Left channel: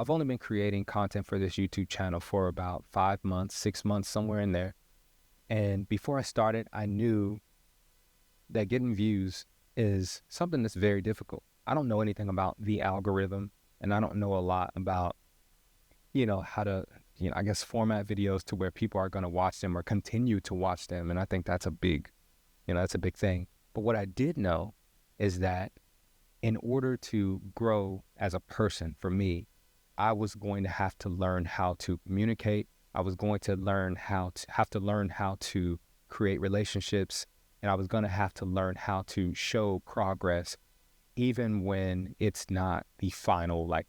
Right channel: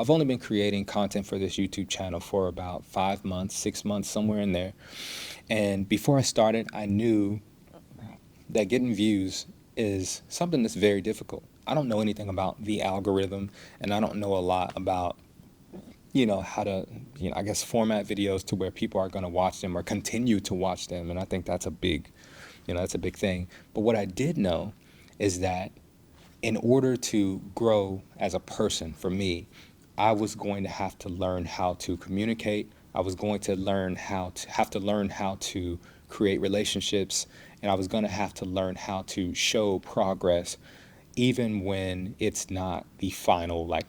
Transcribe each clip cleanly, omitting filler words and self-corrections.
I've only been creating content for this YouTube channel for about 5 months, 6 months, somewhere in there. And before I started, I knew that getting views is something that's very difficult. I don't know anything about the algorithm, and I don't know a lot about, how to, I guess, format videos to where people are going to watch them or continue to watch them. And I think that's a big thing. But what I did know is that in order to grow as a person, for me, I was going to have to learn how to communicate. I was going to learn how to create relationships, and I was going to have to learn how to show progress, even when it's not the final, like,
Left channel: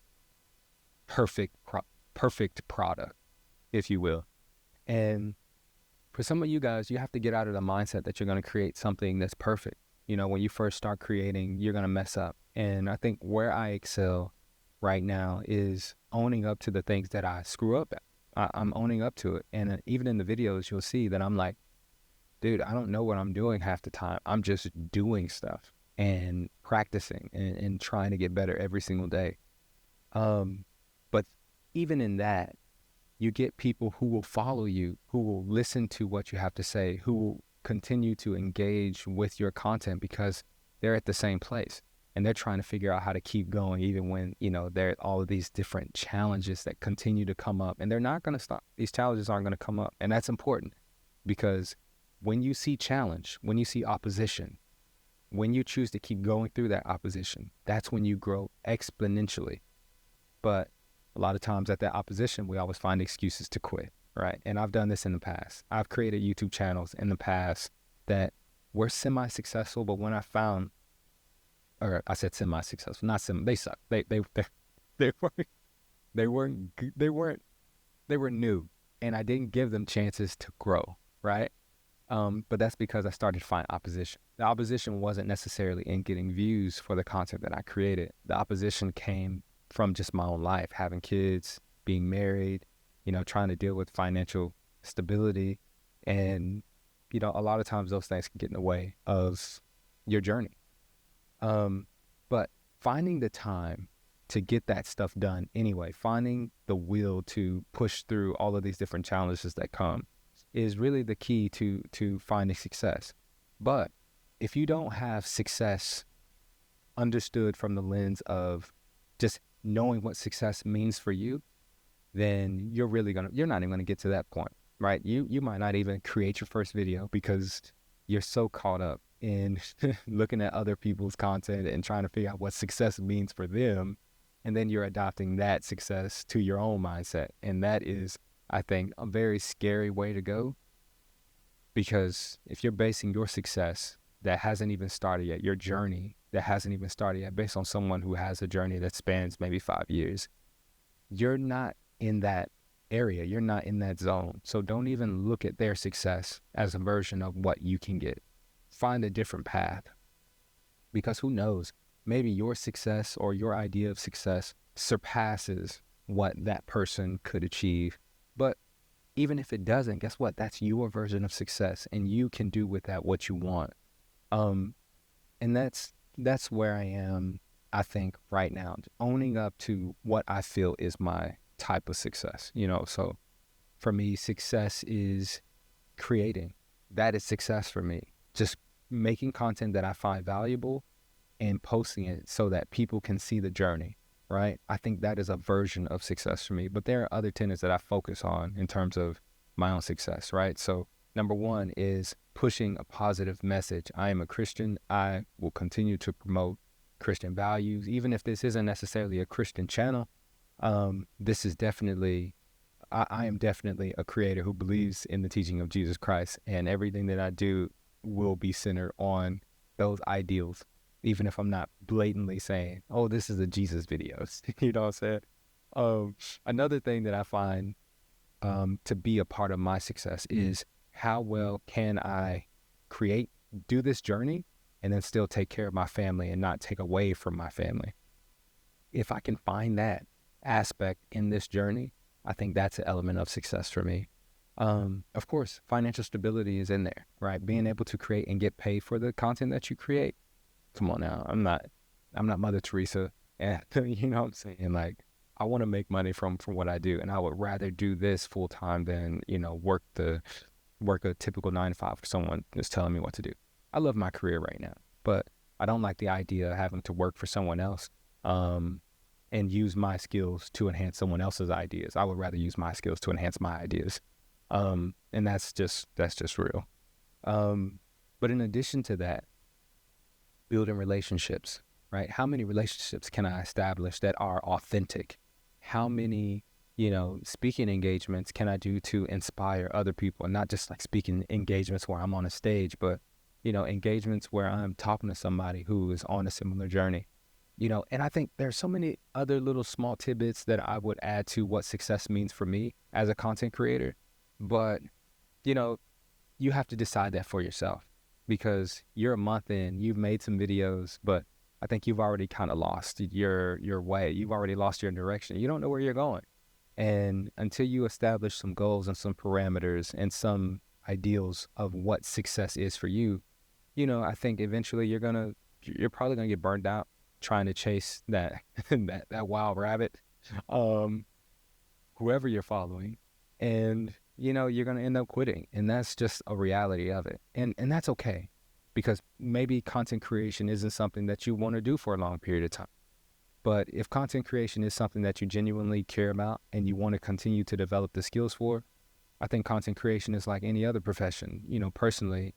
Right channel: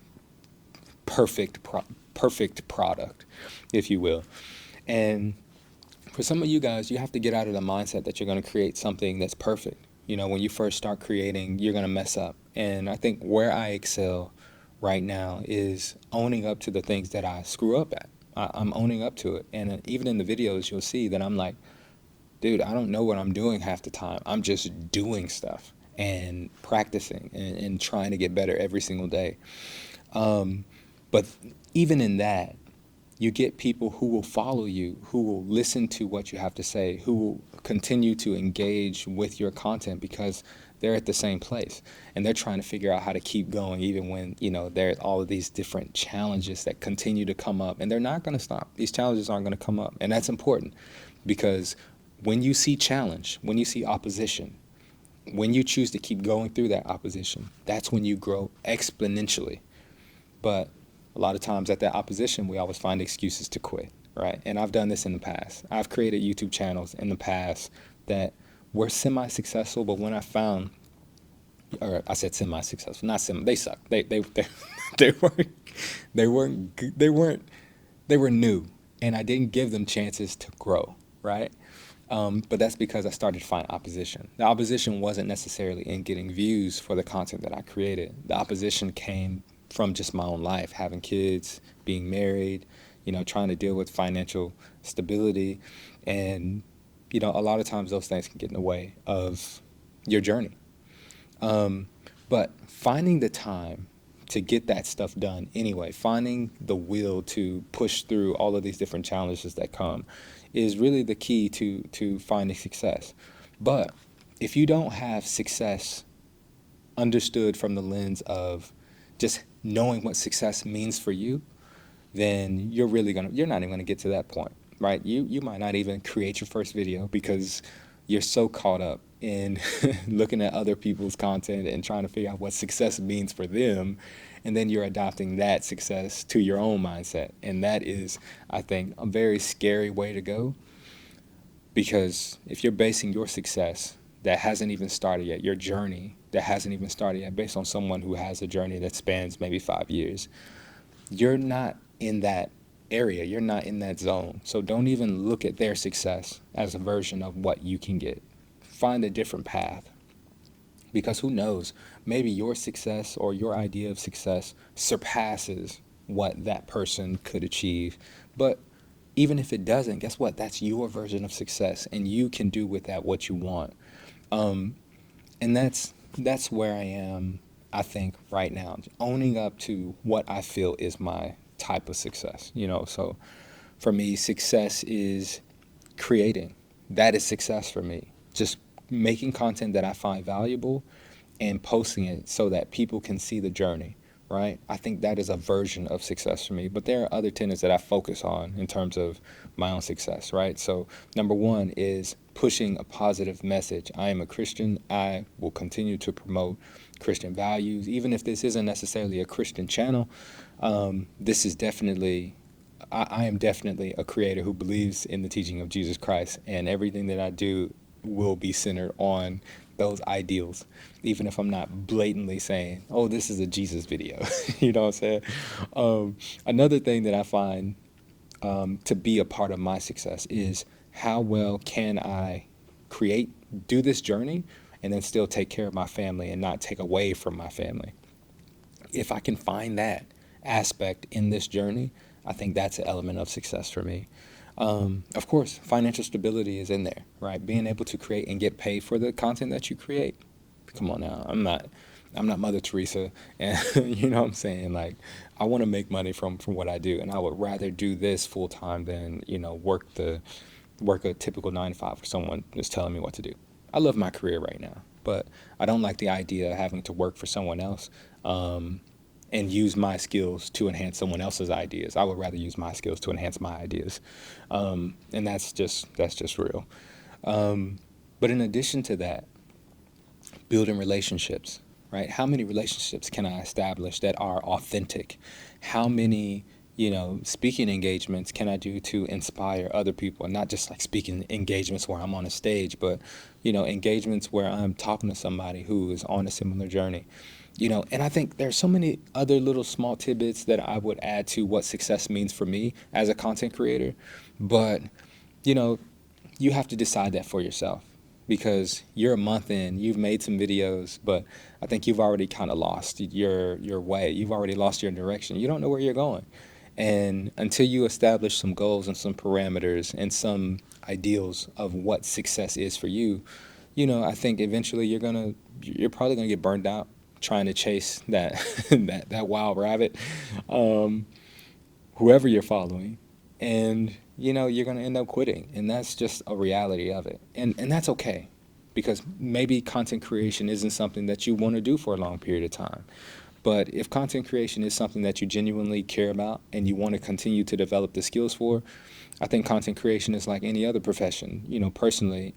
perfect product, if you will. And for some of you guys, you have to get out of the mindset that you're going to create something that's perfect. When you first start creating, you're going to mess up. And I think where I excel right now is owning up to the things that I screw up at. I'm owning up to it. And even in the videos, you'll see that I'm like, dude, I don't know what I'm doing half the time. I'm just doing stuff and practicing and trying to get better every single day. But even in that, you get people who will follow you, who will listen to what you have to say, who will continue to engage with your content because they're at the same place and they're trying to figure out how to keep going even when, there are all of these different challenges that continue to come up, and they're not going to stop. These challenges aren't going to come up. And that's important because when you see challenge, when you see opposition, when you choose to keep going through that opposition, that's when you grow exponentially. But a lot of times at that opposition, we always find excuses to quit, right? And I've done this in the past. I've created YouTube channels in the past that were semi-successful, but when I found, or I said semi-successful, not semi, they suck. They were new, and I didn't give them chances to grow, right? But that's because I started to find opposition. The opposition wasn't necessarily in getting views for the content that I created. The opposition came from just my own life, having kids, being married, trying to deal with financial stability. And, a lot of times those things can get in the way of your journey. But finding the time to get that stuff done anyway, finding the will to push through all of these different challenges that come is really the key to finding success. But if you don't have success understood from the lens of just knowing what success means for you, then you're not even gonna get to that point, right? You might not even create your first video because you're so caught up in looking at other people's content and trying to figure out what success means for them, and then you're adopting that success to your own mindset. And that is, I think, a very scary way to go, because if you're basing your success that hasn't even started yet, your journey that hasn't even started yet, based on someone who has a journey that spans maybe 5 years, you're not in that area. You're not in that zone. So don't even look at their success as a version of what you can get. Find a different path, because who knows, maybe your success or your idea of success surpasses what that person could achieve. But even if it doesn't, guess what? That's your version of success, and you can do with that what you want. And that's where I am, I think, right now, owning up to what I feel is my type of success. So for me, success is creating. That is success for me. Just making content that I find valuable and posting it so that people can see the journey, right? I think that is a version of success for me. But there are other tenets that I focus on in terms of my own success, right? So number one is pushing a positive message. I am a Christian. I will continue to promote Christian values, even if this isn't necessarily a Christian channel. This is definitely, I am definitely a creator who believes in the teaching of Jesus Christ, and everything that I do will be centered on those ideals, even if I'm not blatantly saying, oh, this is a Jesus video. You know what I'm saying? Another thing that I find to be a part of my success is how well can I do this journey and then still take care of my family and not take away from my family. If I can find that aspect in this journey, I think that's an element of success for me. Of course, financial stability is in there, right? Being able to create and get paid for the content that you create. Come on now, I'm not Mother Teresa, and you know what I'm saying? Like, I want to make money from what I do, and I would rather do this full time than, work a typical 9 to 5 for someone just telling me what to do. I love my career right now, but I don't like the idea of having to work for someone else, and use my skills to enhance someone else's ideas. I would rather use my skills to enhance my ideas, and that's just real. But in addition to that, building relationships, right? How many relationships can I establish that are authentic? How many, speaking engagements can I do to inspire other people? And not just like speaking engagements where I'm on a stage, but, engagements where I'm talking to somebody who is on a similar journey. And I think there's so many other little small tidbits that I would add to what success means for me as a content creator. But, you know, you have to decide that for yourself, because you're a month in, you've made some videos, but I think you've already kind of lost your way. You've already lost your direction. You don't know where you're going. And until you establish some goals and some parameters and some ideals of what success is for you, I think eventually you're probably gonna get burned out trying to chase that that wild rabbit, um, whoever you're following, and you're gonna end up quitting, and that's just a reality of it, and that's okay, because maybe content creation isn't something that you want to do for a long period of time. But if content creation is something that you genuinely care about and you want to continue to develop the skills for, I think content creation is like any other profession. Personally,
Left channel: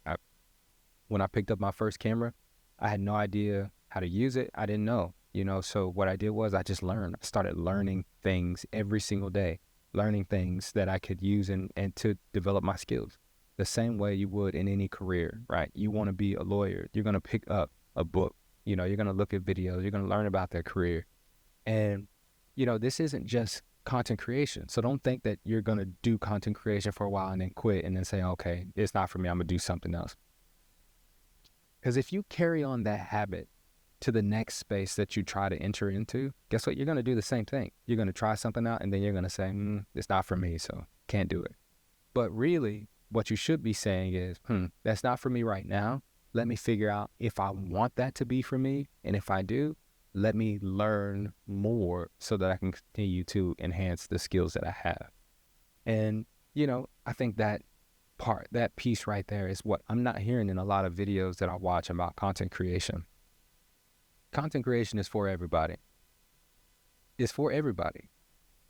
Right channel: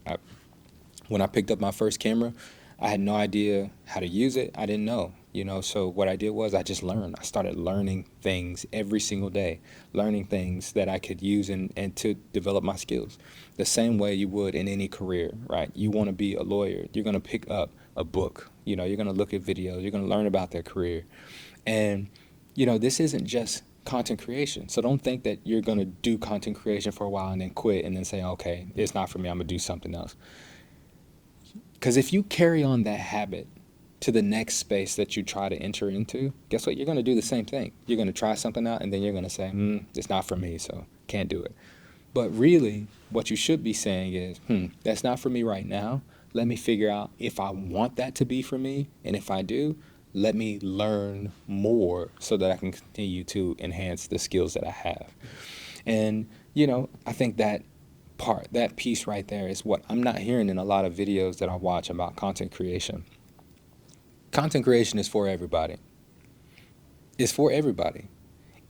when I picked up my first camera, I had no idea how to use it. I didn't know, so what I did was I just learned. I started learning things every single day, learning things that I could use and to develop my skills. The same way you would in any career, right? You want to be a lawyer, you're going to pick up a book, you're going to look at videos, you're going to learn about their career. And, this isn't just content creation. So don't think that you're going to do content creation for a while and then quit and then say, okay, it's not for me, I'm going to do something else. Because if you carry on that habit to the next space that you try to enter into, guess what? You're going to do the same thing. You're going to try something out, and then you're going to say, it's not for me, so can't do it. But really, what you should be saying is, that's not for me right now. Let me figure out if I want that to be for me. And if I do, let me learn more so that I can continue to enhance the skills that I have. And, I think that piece right there is what I'm not hearing in a lot of videos that I watch about content creation. Content creation is for everybody. It's for everybody.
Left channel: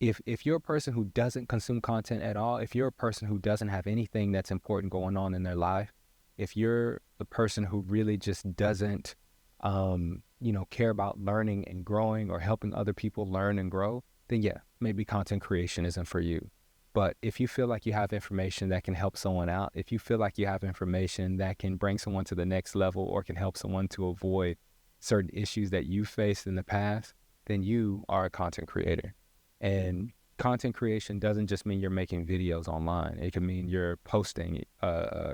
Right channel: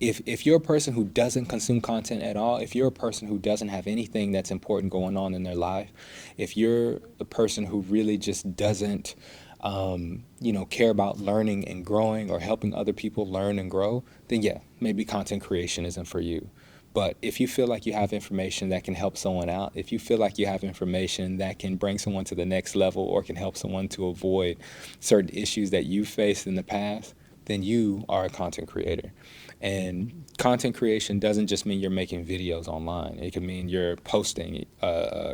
If you're a person who doesn't consume content at all, if you're a person who doesn't have anything that's important going on in their life, if you're the person who really just doesn't, care about learning and growing or helping other people learn and grow, then yeah, maybe content creation isn't for you. But if you feel like you have information that can help someone out, if you feel like you have information that can bring someone to the next level or can help someone to avoid certain issues that you faced in the past, then you are a content creator. And content creation doesn't just mean you're making videos online. It could mean you're posting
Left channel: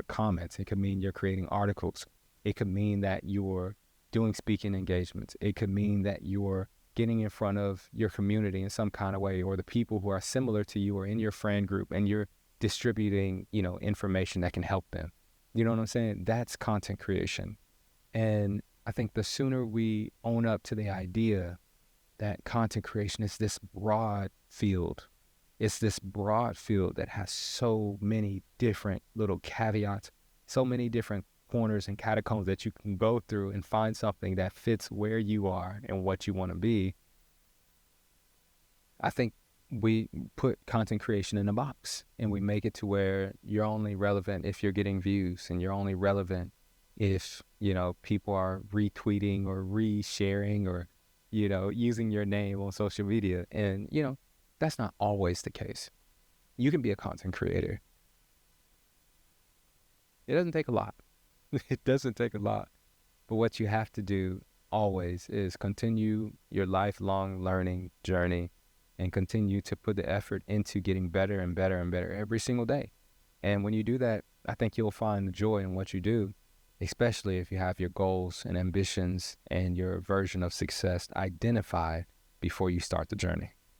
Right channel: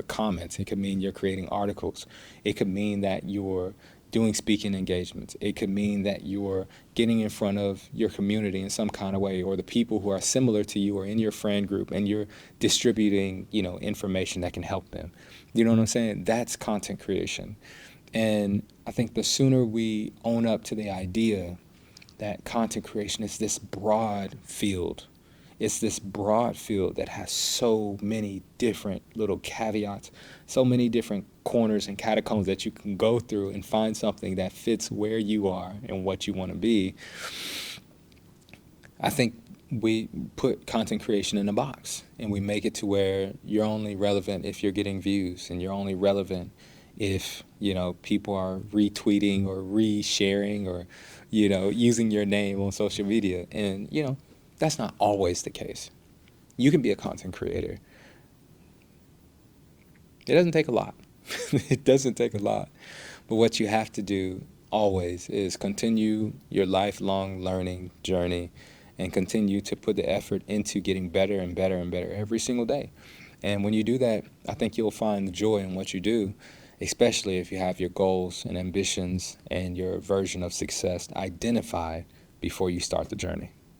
comments. It could mean you're creating articles. It could mean that you're doing speaking engagements. It could mean that you're getting in front of your community in some kind of way, or the people who are similar to you or in your friend group, and you're distributing, information that can help them. You know what I'm saying? That's content creation. And I think the sooner we own up to the idea that content creation is this broad field, it's this broad field that has so many different little caveats, so many different corners and catacombs that you can go through and find something that fits where you are and what you want to be. I think we put content creation in a box, and we make it to where you're only relevant if you're getting views, and you're only relevant if, people are retweeting or resharing or, using your name on social media. And, that's not always the case. You can be a content creator. It doesn't take a lot. It doesn't take a lot. But what you have to do always is continue your lifelong learning journey and continue to put the effort into getting better and better and better every single day. And when you do that, I think you'll find the joy in what you do, especially if you have your goals and ambitions and your version of success identified before you start the journey.